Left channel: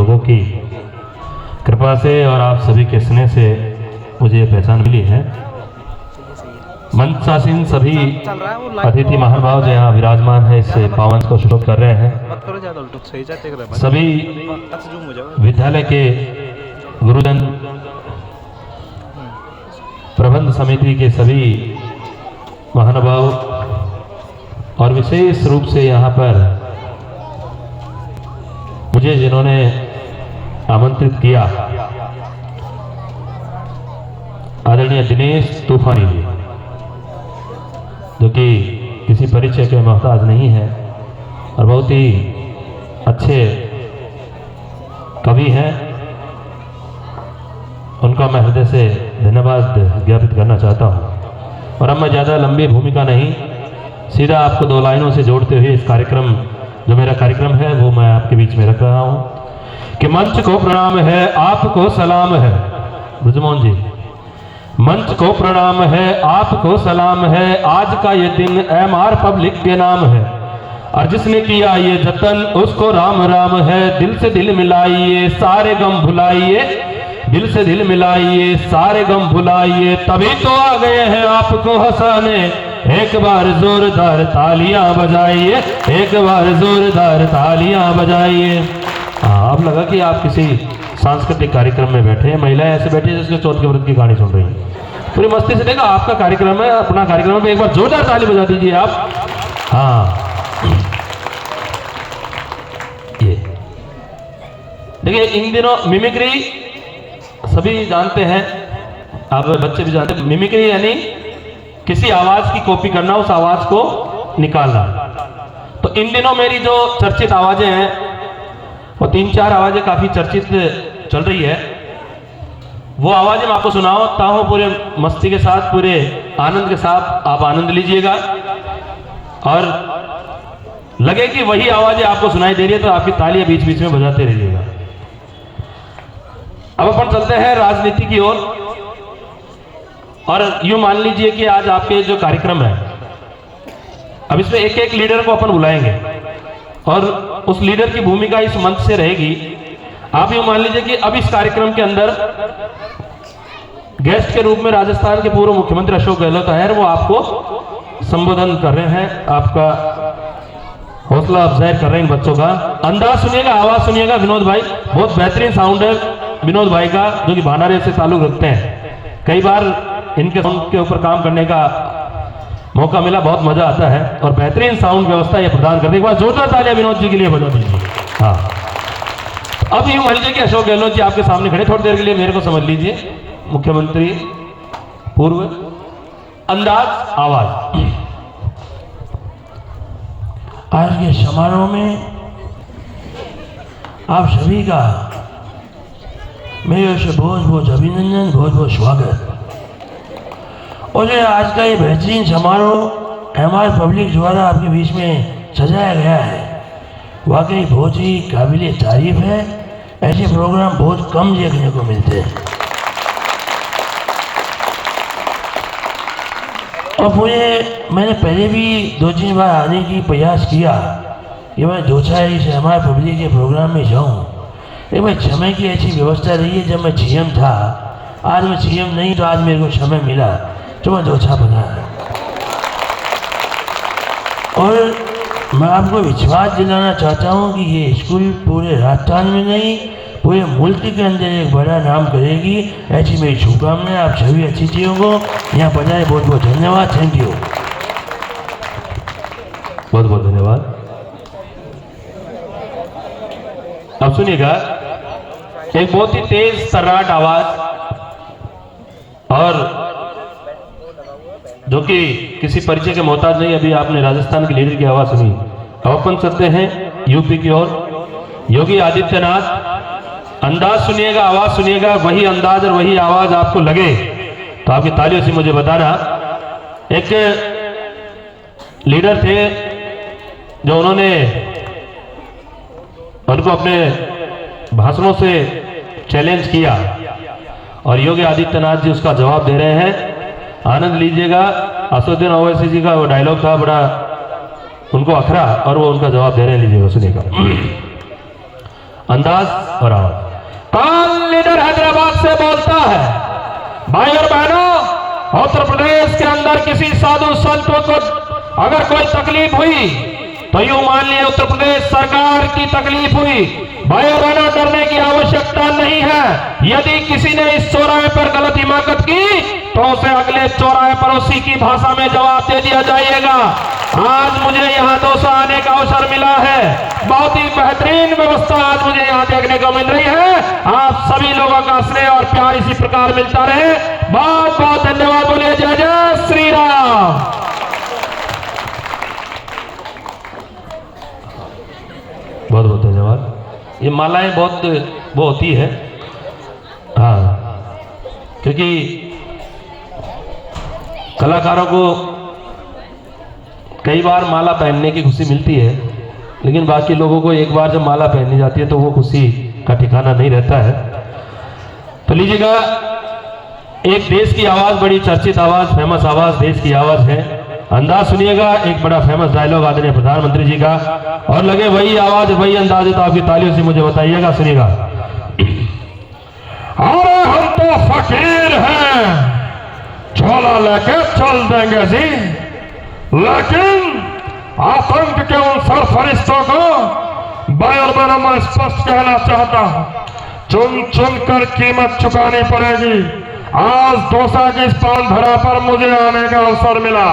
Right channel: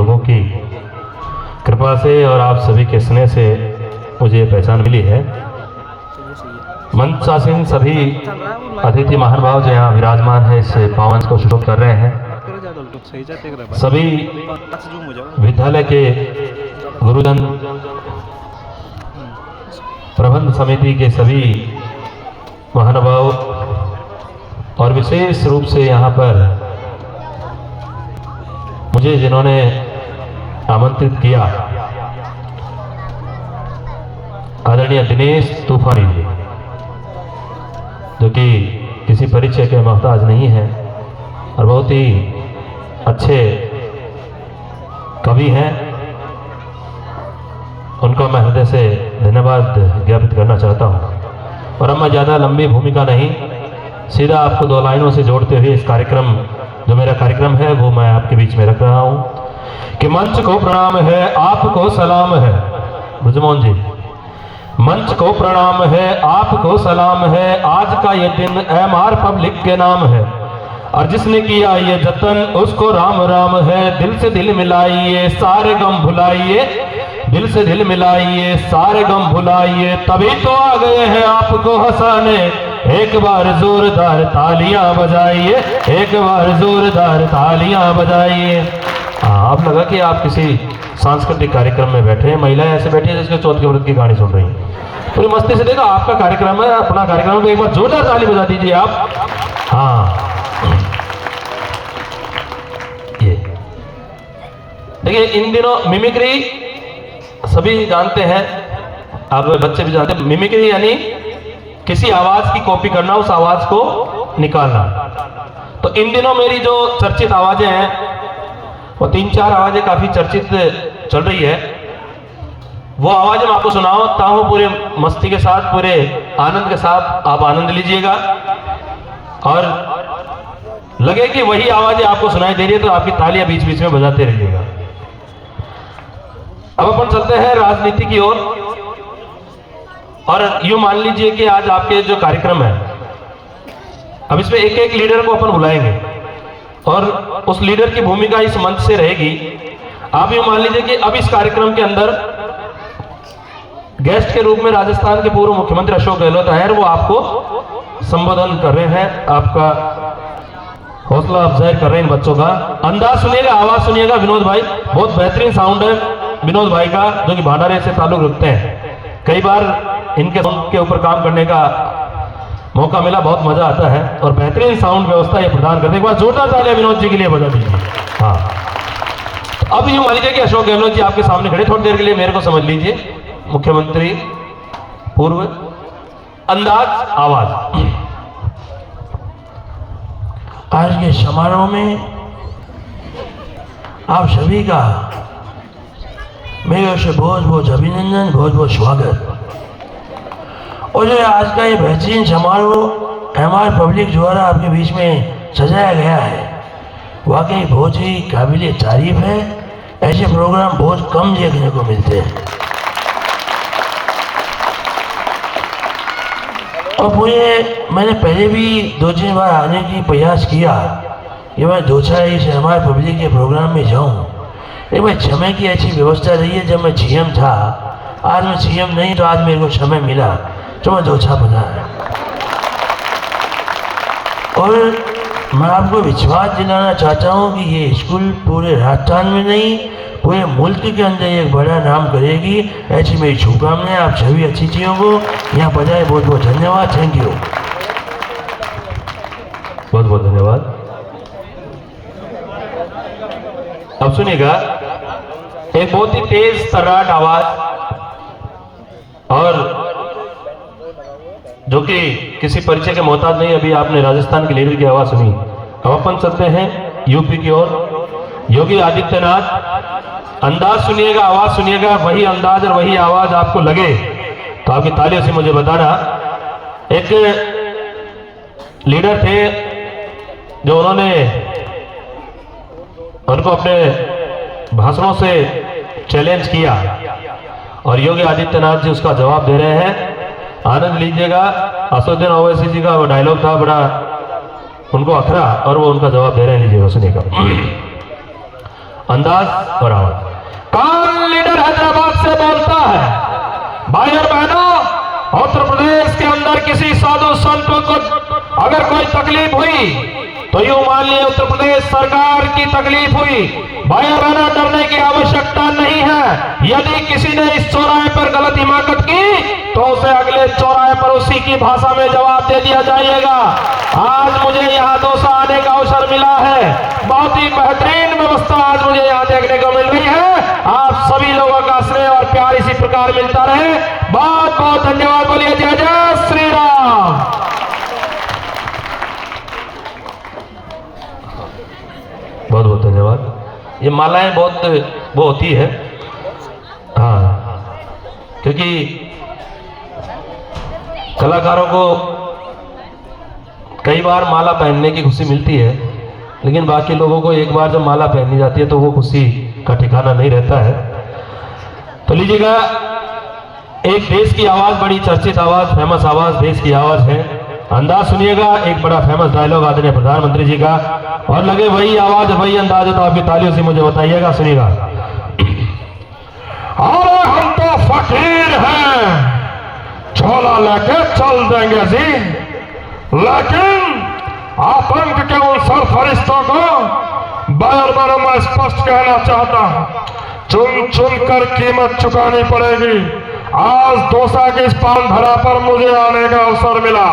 लोगों की कृपा से और आप सभी के स्नेह से मुझे ये पहचान मिली है। मंचासीन सभी अतिथि महानुभाव जो यहाँ विराजमान है इस पावन को शुभ कर रहे हैं। सभी विद्यालय के गुरुजन, प्रबंध समिति के सभी महानुभाव और विशेष रूप से यहाँ पर मुझे जिन्होंने आमंत्रित किया, आदरणीय दिनेश तूफानी जी, जो कि किसी परिचय के मोहताज नहीं है और बहुत ही अच्छे कवि हैं। उनका मैं हृदय से धन्यवाद ज्ञापित करना चाहता हूँ। और अब मैं ज़्यादा लंबी भूमिका नहीं, सीधा आपको दो लाइनों से जोड़ते हुए इस कार्यक्रम, जो मेरा कार्यक्रम है वो मैं आपके बीच में रख रहा हूँ कि मंच को प्रणाम है, आपको सलाम है। ब्रजमोहन जी, मंच को प्रणाम है, आपको सलाम है, आज का ये दिन एमआर पब्लिक के नाम है और जिसने किया ये जतन उसको राम राम है। दिल से दिल मिलाइए, सारे गम भुलाइए, दिल से दिल मिलाइए, सारे गम भुलाइए, तभी तो आ गए हैं आपको हंसाने। एक बार जोरदार तालियां बजाइए, एक बार जोरदार तालियां बजाइए। अब लगा कि आप किसी सांस्कृतिक कार्यक्रम में बैठे हैं, महिलाएं ऐसे बैठी हैं जैसे चौथ के व्रत की कहानी सुन रही हैं। पूरी मस्ती से देखो, आपका कार्यक्रम है, अपना कार्यक्रम है, एक बार जोरदार ताली बजा दीजिए आप। हाँ, ये देखिए, इन दिनों मिमिक्री सभी जानते हैं, आप बच्चे भी जानते हैं। मिमिक्री यानी किसी आवाज की कॉपी करना, उस आवाज को निकालना। तो इन दिनों मेरी जो चर्चित आवाजें हैं वो 3-4 आवाजें काफी चर्चित चल रही है। वो आवाजें मैं आपको सुनाता हूं पूरे मस्ती के साथ, पूरे आनंद के साथ। आप आनंद लीजिएगा और लगे कि वही आवाजें आपको सुनाई दे रही है तो आपकी तालियां बीच बीच में बजाते रहिएगा। अब अपन चलते हैं राजनीति की ओर। और यूं मान लीजिए कि आज आपके जो कार्यक्रम है, अब इसमें एक एक लीडर को अपन बुलाएंगे और उस लीडर की भूमिका इस मंच से रहेगी। आप यूं मान लीजिए कि अब इस कार्यक्रम के अंदर गेस्ट के रूप में राजस्थान के पूर्व मुख्यमंत्री अशोक गहलोत है, वो आपको संबोधन कर रहे हैं, आपका हौसला अफजाई कर रहे हैं इन बच्चों का। अंदाज सुनिएगा, आवाज सुनिएगा। विनोद भाई, बहुत बेहतरीन साउंड है विनोद भाई का, जो कि भांडारे से ताल्लुक रखते हैं। कई बार इनके साउंड के ऊपर काम करने का मौका मिला, बहुत मजा आता है और बेहतरीन साउंड व्यवस्था ये प्रदान करते हैं। एक बार जोरदार तालियां विनोद जी के लिए बजा दीजिए। हाँ, अब यूं मान लीजिए कि अशोक गहलोत जी आपके सामने खड़े, थोड़ी देर के लिए मेरे को समझ लीजिए। मुख्यमंत्री पूर्व, अंदाज, आवाज। आज के समारोह में आप सभी का मेरे ओर से बहुत बहुत अभिनंदन, बहुत बहुत स्वागत। और आज का ये बेहतरीन समारोह एमआर पब्लिक द्वारा आपके बीच में सजाया गया है, वाकई बहुत ही काबिल तारीफ है। ऐसे प्रोग्राम बहुत कम देखने को मिलते हैं और मैंने पहले भी 2-3 बार आने की प्रयास किया कि मैं 2-4 से हमारे पब्लिक के प्रोग्राम में जाऊं, लेकिन भाई समय की ऐसी व्यवस्था रही है। जब मैं सीएम था, आज मैं सीएम नहीं, तो आज मेरे को समय मिला तो मैं 2-4 बना। और मैं आपको विश्वास दिलाना चाहता हूं कि ये स्कूल पूरे राजस्थान में नहीं, पूरे मुल्क के अंदर एक बड़ा नाम करेगी, ऐसी मेरी शुभकामनाएं। आप सभी अतिथियों को यहाँ पधारे, बहुत बहुत धन्यवाद। थैंक यू, बहुत बहुत धन्यवाद। अब सुनिएगा, एक बहुत ही तेज तर्राट आवाज और जो कि किसी परिचय के मोहताज नहीं। अभी आपने राजस्थान के लीडर की आवाज सुनी, अब अपन चलते हैं यूपी की ओर। योगी आदित्यनाथ, अंदाज सुनिएगा, आवाज सुनिएगा। वही अंदाज और वही आवाज आपको लगे तो आपकी तालियों से मुझे बताना। एक लीडर थे जो उन्होंने उनको अपने भाषणों से चैलेंज किया और योगी आदित्यनाथ जी उसका जवाब दे रहे हैं। आनंद लीजिएगा। असदुद्दीन ओवैसी जी का डायलॉग था, बड़ा उनको अखरा और वो उनका जवाब दे रहे हैं, लीजिएगा, सुनिएगा। अंदाज और आवाज। कौन लीडर हैदराबाद से बोलता है? भाई और बहनों, उत्तर प्रदेश के अंदर किसी साधु संतों को अगर कोई तकलीफ हुई तो यूं मान लिया उत्तर प्रदेश सरकार की तकलीफ हुई। भाई और बहनों, डरने की आवश्यकता नहीं है। यदि किसी ने इस चौराहे पर गलत हिमाकत की तो उसे अगले चौराहे पर उसी की भाषा में जवाब दे दिया जाएगा। आज मुझे यहाँ दौसा आने का अवसर मिला है। बहुत ही बेहतरीन व्यवस्था आज मुझे यहाँ देखने को मिल रही है। आप सभी लोगों का स्नेह और प्यार इसी प्रकार मिलता रहे। बहुत बहुत धन्यवाद। बोलिए जय जय श्री राम। बहुत बहुत धन्यवाद। ये मालाएं बहुत वो होती है, हाँ, क्योंकि कलाकारों को कई बार माला पहनने की खुशी मिलती है, लेकिन बाकी लोगों को एक बार जब माला पहनी जाती है तो वो खुशी का ठिकाना नहीं रहता है। तो लीजिएगा, एक देश की आवाज, बड़ी चर्चित आवाज, फेमस आवाज, देश की आवाज है। अंदाज सुनिएगा, एक बड़ा फेमस डायलॉग आदरणीय प्रधानमंत्री जी का, और लगे वही आवाज वही अंदाज है तो आपकी तालियों से मुझे बताइएगा। सुनिएगा। अरे हम तो फकीर हैं, झोला लेके चल देंगे जी, लेकिन आतंक के उन सरफरिश्तों को बार बार मैं स्पष्ट कहना चाहता हूं, चुन चुन कर कीमत चुकानी पड़ेगी। आज दौसा की इस पान भरा पर मुझे आने का अवसर मिला,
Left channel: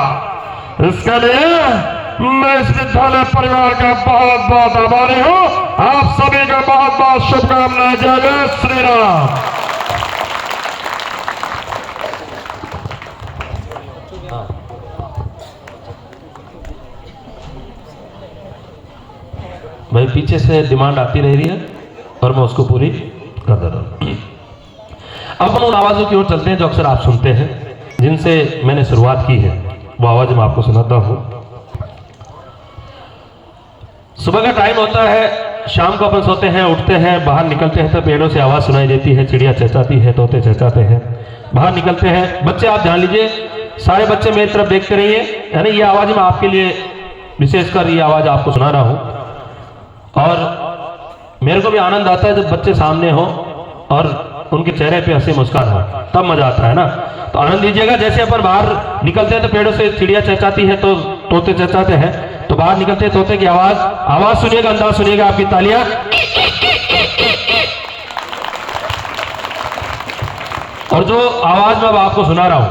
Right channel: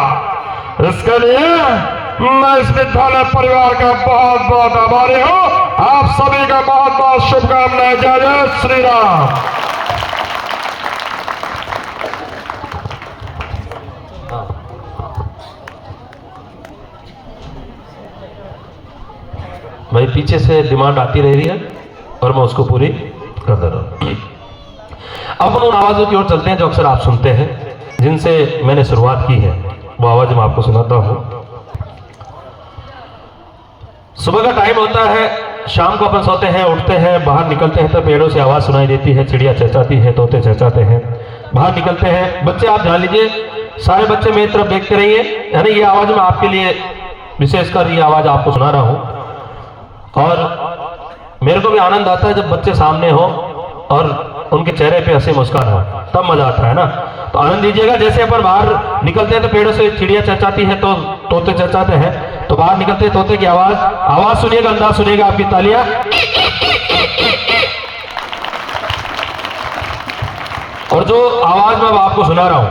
इसके लिए मैं इस विद्यालय परिवार का बहुत बहुत आभारी हूं। आप सभी का बहुत बहुत शुभकामनाएं। जय जय श्री राम। भाई पीछे से डिमांड आती रह रही है और मैं उसको पूरी कर दे रहा हूं। अब हम उन आवाजों की ओर चलते हैं जो अक्सर आप सुनते हैं, जिनसे मैंने शुरुआत की है। वो आवाज मैं आपको सुनाता हूं। सुबह का टाइम होता है, शाम को अपन सोते हैं, उठते हैं, बाहर निकलते हैं तो पेड़ों से आवाज सुनाई देती है, चिड़िया चहचहाती है, तोते चहचहाते हैं। बाहर निकलते हैं, बच्चे आप ध्यान लीजिए, सारे बच्चे मेरी तरफ देखते रहिए, यानी ये आवाज मैं आपके लिए विशेषकर ये आवाज आपको सुना रहा हूं। और मेरे को भी आनंद आता है जब बच्चे सामने हो और उनके चेहरे पे हंसी मुस्कान हो, तब मजा आता है ना। तो आनंद लीजिएगा। जैसे अपन बाहर निकलते हैं तो पेड़ों से चिड़िया चहचहाती है तो तोते चहचहाते हैं, तो बाहर निकलते हैं तोते की आवाज सुनिएगा, अंदाज सुनिएगा, आपकी तालियां। और जो आवाज मैं आपको सुना रहा हूं,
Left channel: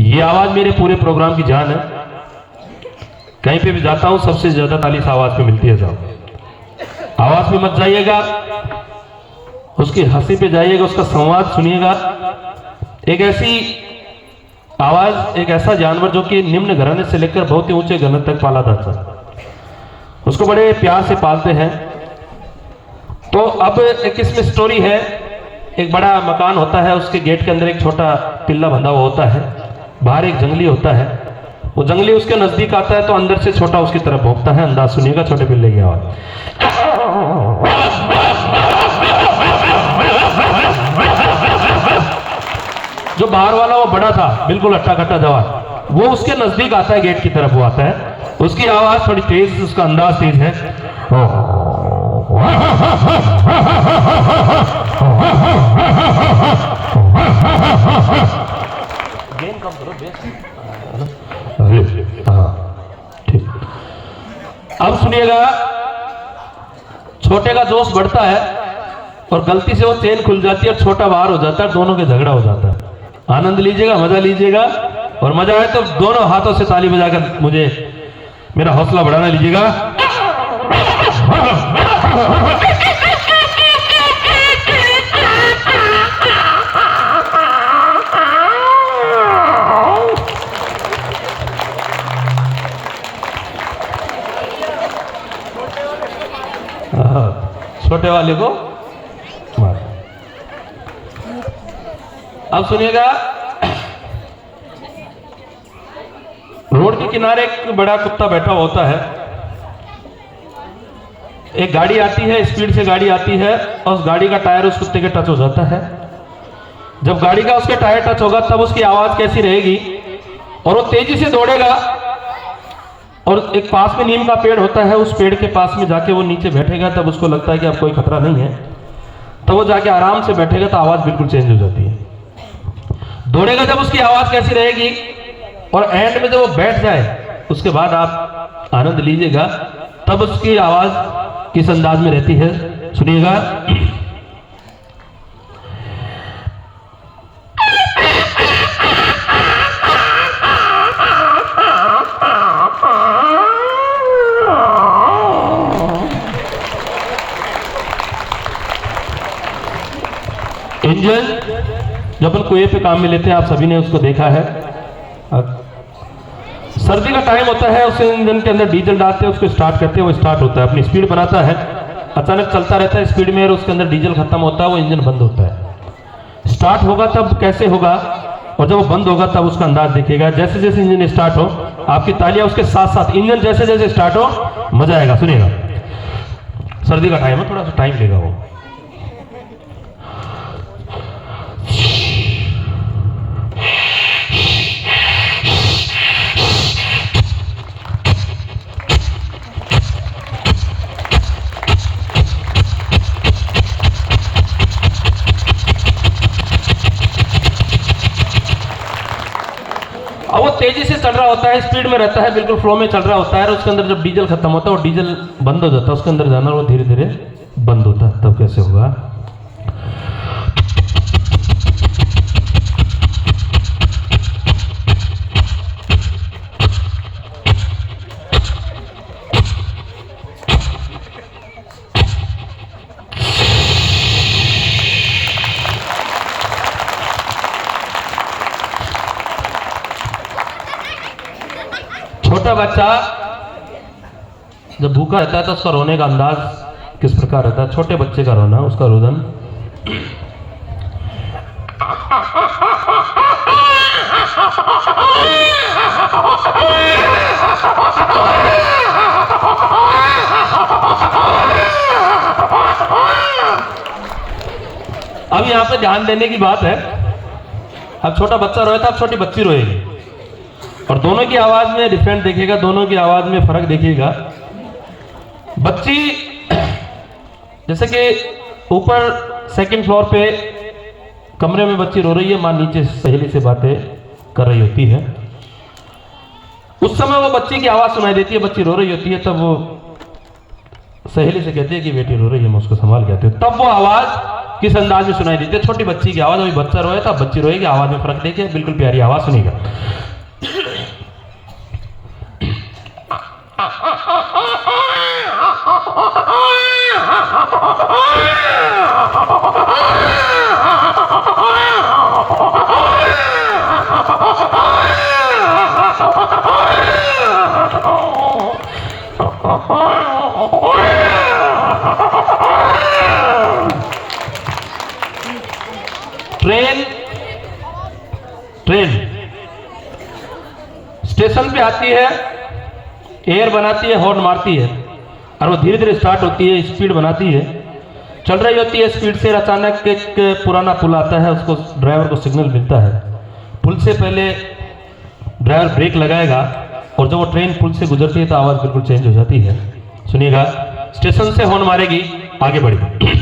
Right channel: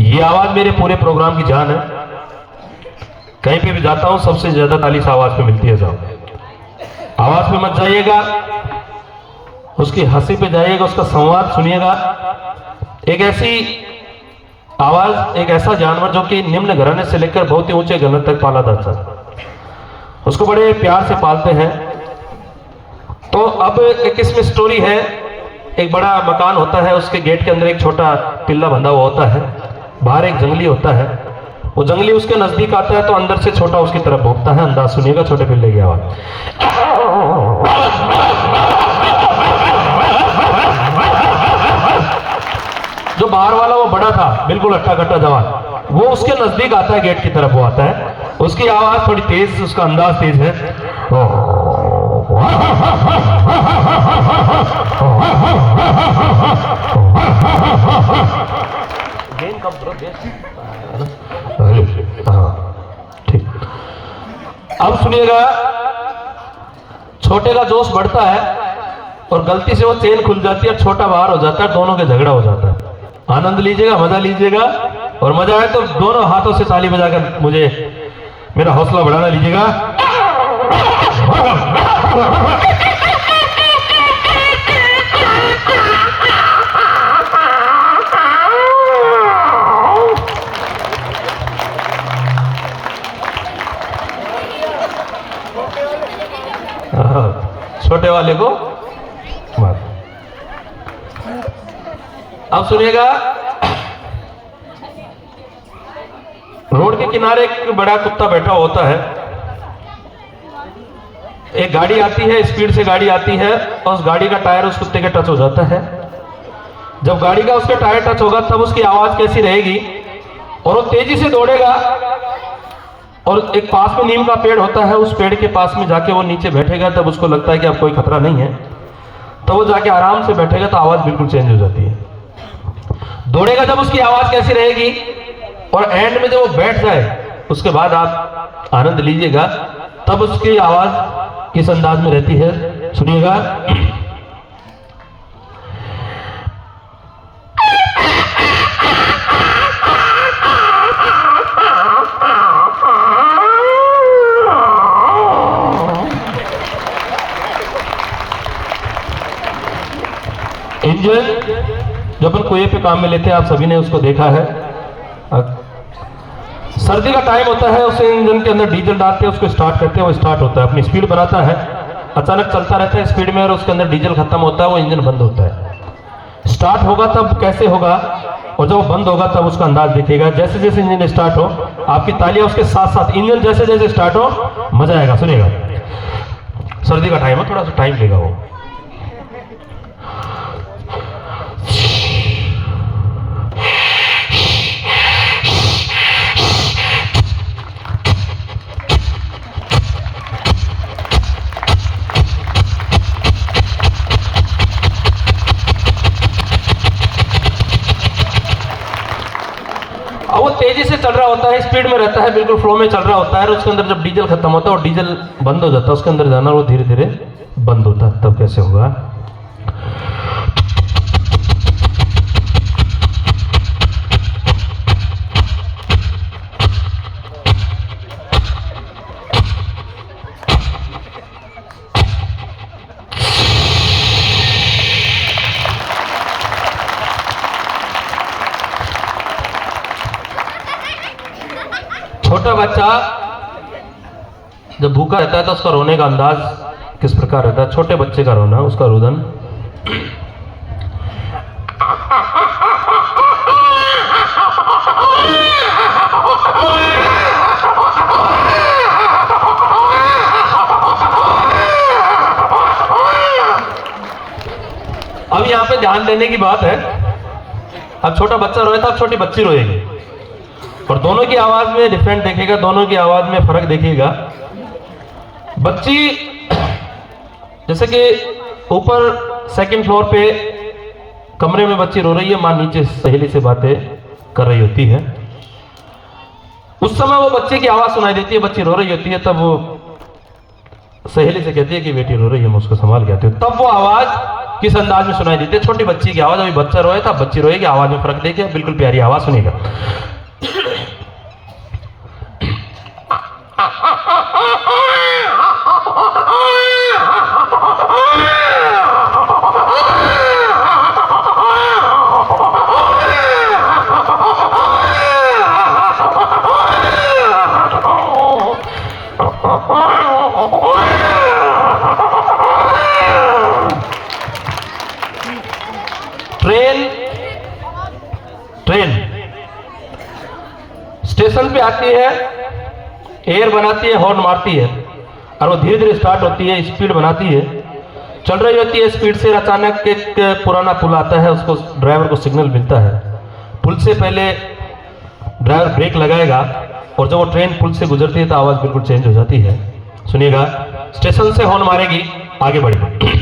ये आवाज मेरे पूरे प्रोग्राम की जान है। कहीं पे भी जाता हूं सबसे ज्यादा ताली इस आवाज पे मिलती है साहब। आवाज पे मत जाइएगा, उसकी हंसी पे जाइएगा, उसका संवाद सुनिएगा। एक ऐसी आवाज, एक ऐसा जानवर जो कि निम्न घराने से लेकर बहुत ही ऊंचे घराने तक पाला जाता है, उसको बड़े प्यार से पालते हैं। तो अब एक इसमें स्टोरी है। एक बड़ा मकान होता है, उसके गेट के अंदर एक छोटा पिल्ला बंधा हुआ होता है, बाहर एक जंगली होता है। वो जंगली उसके नजदीक आता है तो अंदर से छोटा उसकी तरफ भौंकता है। अंदाज सुनिएगा छोटे पिल्ले की आवाज। जो बाहर वाला वो बड़ा था, बिल्कुल अट्टा कट्टा जवान, वो उसके नजदीक आता है, गेट की तरफ वो आता है। उसकी आवाज थोड़ी तेज, उसका अंदाज तेज है। ठीक, अब सुनिएगा। छोटे का जोश बढ़ता है और गलती से वो चेन खुल जाती है, छोटा बाहर हो जाता है, दोनों के झगड़ा हो जाता है। आनंद लीजिएगा, मजा लीजिएगा, और मजा आए तो दोनों हाथों से ताली बजाकर मुझे मेरा हौसला बढ़ाना लीजिएगा। छोटे वाले को अब सुनिएगा। रोड के किनारे एक बड़ा कुत्ता बैठा होता है। एक गाड़ी आती है, स्पीड से गाड़ी आती है और उस गाड़ी का टायर उस कुत्ते के टच हो जाता है। जब गाड़ी का उसके टायर टच होगा तब उसकी आवाज कैसी रहेगी, और वो तेजी से दौड़ेगा और एक पास में नीम का पेड़ होता है, उस पेड़ के पास में जाके वो नीचे बैठेगा, तब उसको लगता है कि अब कोई खतरा नहीं है, तो वो जाके आराम से बैठेगा तो आवाज़ बिल्कुल चेंज हो जाती है। दौड़ेगा जब उसकी आवाज़ कैसी रहेगी, और एंड में जब वो बैठ जाए उसके बाद आप आनंद लीजिएगा, तब उसकी आवाज़ किस अंदाज में रहती है, सुनिएगा। इंजन जो अपन कुएं पे काम में लेते हैं, आप सभी ने उसको देखा है। सर्दी का टाइम होता है, उस इंजन के अंदर डीजल डालते हैं, उसको स्टार्ट करते हैं, वो स्टार्ट होता है, अपनी स्पीड बनाता है, अचानक चलता रहता है स्पीड में, और उसके अंदर डीजल खत्म होता है, वो इंजन बंद होता है। स्टार्ट होगा तब कैसे होगा, और जब वो बंद होगा तब उसका अंदाज देखिएगा। जैसे जैसे इंजन स्टार्ट हो, आपकी तालियां उसके साथ साथ, इंजन जैसे जैसे स्टार्ट हो, मजा आएगा। सुनिएगा, सर्दी का टाइम है, थोड़ा सा टाइम लेगा वो। अब वो तेजी से चल रहा होता है, स्पीड में रहता है, बिल्कुल फ्लो में चल रहा होता है, और उसके अंदर जब डीजल खत्म होता है और डीजल बंद हो जाता है, उसके अंदर जाना वो धीरे धीरे बंद होता है, तब कैसे होगा। छोटा बच्चा जब भूखा रहता है तो उसका रोने का अंदाज किस प्रकार रहता है, छोटे बच्चे का रोना, उसका रुदन। अब यहाँ पे ध्यान देने की बात है, अब छोटा बच्चा रोए तो अब छोटी बच्ची रोएगी, और दोनों की आवाज में डिफरेंट देखेगा, दोनों की आवाज में फर्क देखिएगा। बच्ची जैसे कि ऊपर सेकंड फ्लोर पे कमरे में बच्ची रो रही है, मां नीचे सहेली से बातें कर रही होती है, उस समय वो बच्चे की आवाज सुनाई देती है, बच्ची रो रही होती है, तब वो सहेली से कहती है कि बेटी रो रही है, मैं उसको संभाल के आती हूँ, तब वो आवाज किस अंदाज में सुनाई देती है, छोटी बच्ची की आवाज। अभी बच्चा रोए था, बच्ची रोएगी, आवाज में फर्क देखिए, बिल्कुल प्यारी आवाज सुनेगा। ट्रेन स्टेशन पे आती है, एयर बनाती है, हॉर्न मारती है, और वो धीरे धीरे स्टार्ट होती है, स्पीड बनाती है, चल रही होती है स्पीड से। अचानक एक पुराना पुल आता है, उसको ड्राइवर को सिग्नल मिलता है, पुल से पहले ड्राइवर ब्रेक लगाएगा, और जब वो ट्रेन पुल से गुजरती है तो आवाज़ बिल्कुल चेंज हो जाती है। सुनिएगा, स्टेशन से हॉर्न मारेगी, आगे बढ़ेगी।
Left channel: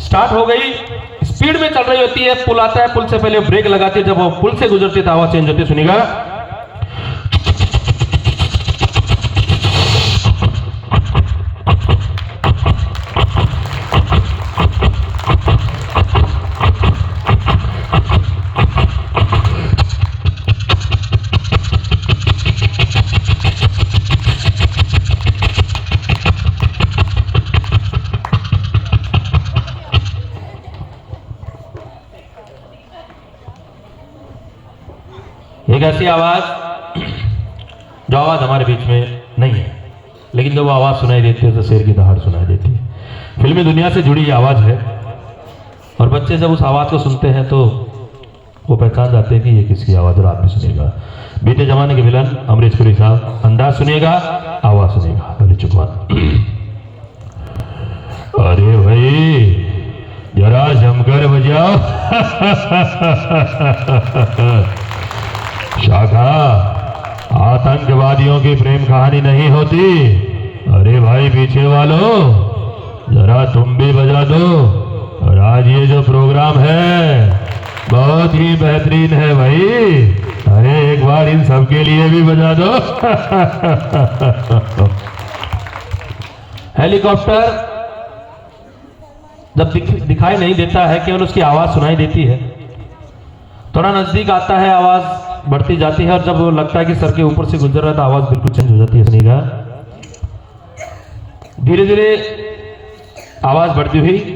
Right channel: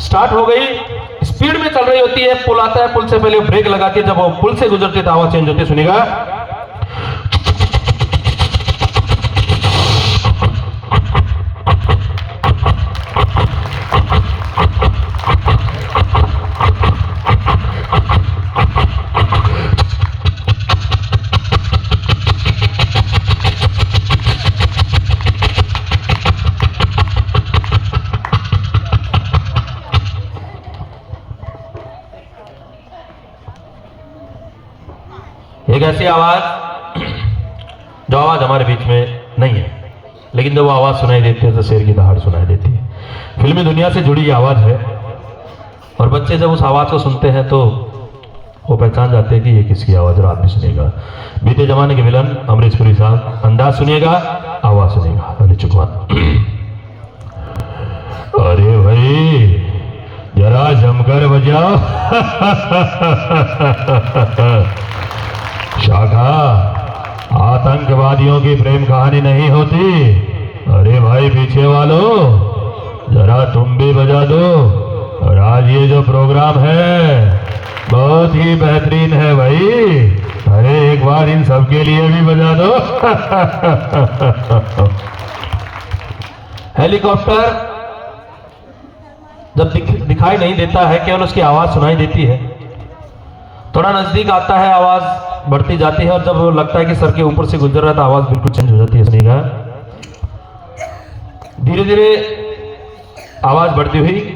स्टार्ट हो गई, स्पीड में चल रही होती है, पुल आता है, पुल से पहले ब्रेक लगाती है, जब वो पुल से गुजरती है तो आवाज चेंज होती है। सुनिएगा, एक ऐसी आवाज जो आवाज हमारे बीच में नहीं है, लेकिन जब वो आवाज सुनाई देती है तो शेर की दहाड़ सुनाई देती है। फिल्मी दुनिया से जुड़ी ये आवाज है, और बच्चे जब उस आवाज को सुनते हैं तो वो पहचान जाते हैं कि ये किसकी आवाज़, और आप भी सुनिएगा। बीते जमाने के विलन अमरीश पुरी साहब, अंदाज सुनिएगा, आवाज़ सुनिएगा। अरे चुकवा अरे भाई जरा जमकर बजाओ। शाखा, आतंकवादियों की प्रेम कहानी नहीं होती। अरे भाई पीछे वालों, जरा तुम भी बजा दो। और आज ये जो प्रोग्राम है बहुत ही बेहतरीन है भाई। अरे एक बार इन सबके लिए भी बजा दो। हेलीकॉप्टर जब दिखाई नहीं देता है, केवल उसकी आवाज सुनाई देती है। थोड़ा नजदीक आता है, आवाज बढ़ती जाती है, और जब लगता है कि सर के ऊपर से गुजर रहा है तो आवाज बिल्कुल चेंज हो जाती है। सुनिएगा, धीरे धीरे आवाज बढ़ती हुई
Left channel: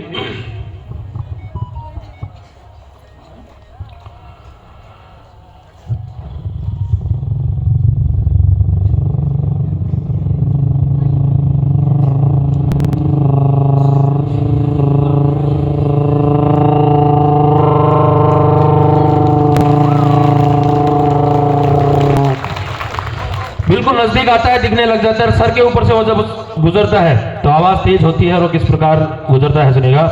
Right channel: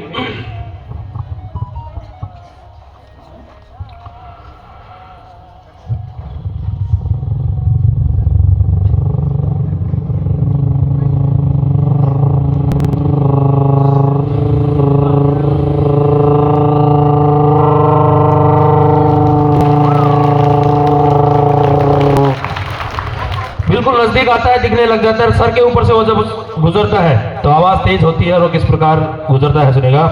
बिल्कुल नजदीक आता है, दिखने लग जाता है। सर के ऊपर से वो जब गुजरता है तो आवाज तेज होती है, और वो किस प्रकार गुजरता है सुनेगा।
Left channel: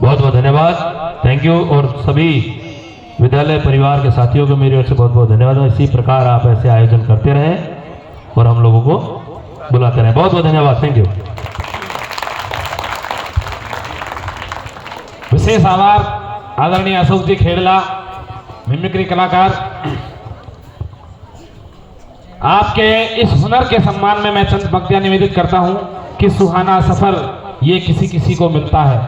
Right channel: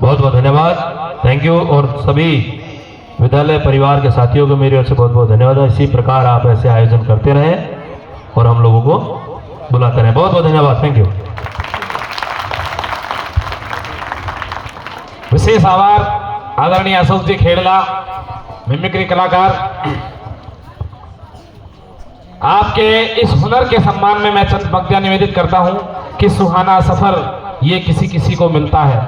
बहुत बहुत धन्यवाद, थैंक यू। और सभी विद्यालय परिवार के साथियों को मेरी ओर से बहुत बहुत धन्यवाद। इसी प्रकार आप ऐसे आयोजन करते रहें और हम लोगों को बुलाते रहें। बहुत बहुत धन्यवाद, थैंक यू। विशेष आभार आदरणीय अशोक जी खेड़ला, मिमिक्री कलाकार। आपके इस हुनर के सम्मान में मैं चंद पंक्तियां निवेदित करता हूं कि सुहाना सफर ये किसी किसी को मिलता है,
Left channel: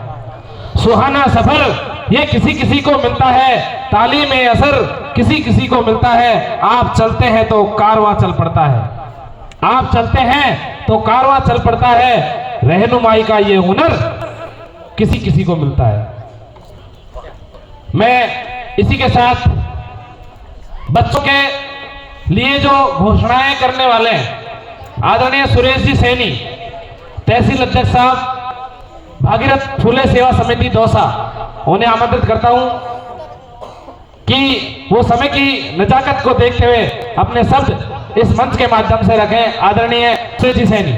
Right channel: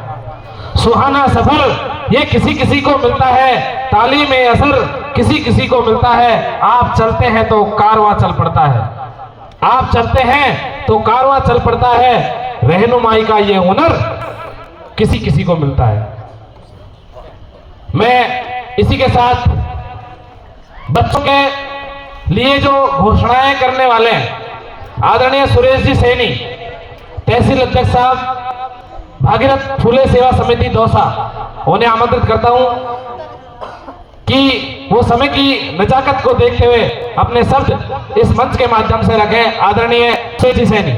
सुहाना सफर ये किसी किसी को मिलता है, तालीम असर किसी किसी को मिलता है। आप चलते हैं तो कारवां चल पड़ता है, आप चलते हैं तो कारवां चल पड़ता है। रहनुमाई का ये हुनर किसी किसी को मिलता है। मैं इसी के साथ बच्चों के लिए जो घोषणाएं करने वाले हैं, आदरणीय सुरेश जी सैनी, तहसील अध्यक्ष साहब, भागीरथ फूले सेवा समिति दौसा, उन्हें आमंत्रित करता हूं कि वो समय की नजाकत को देखते हुए अपने शब्द इस मंच के माध्यम से रखें। आदरणीय सुरेश जी सैनी।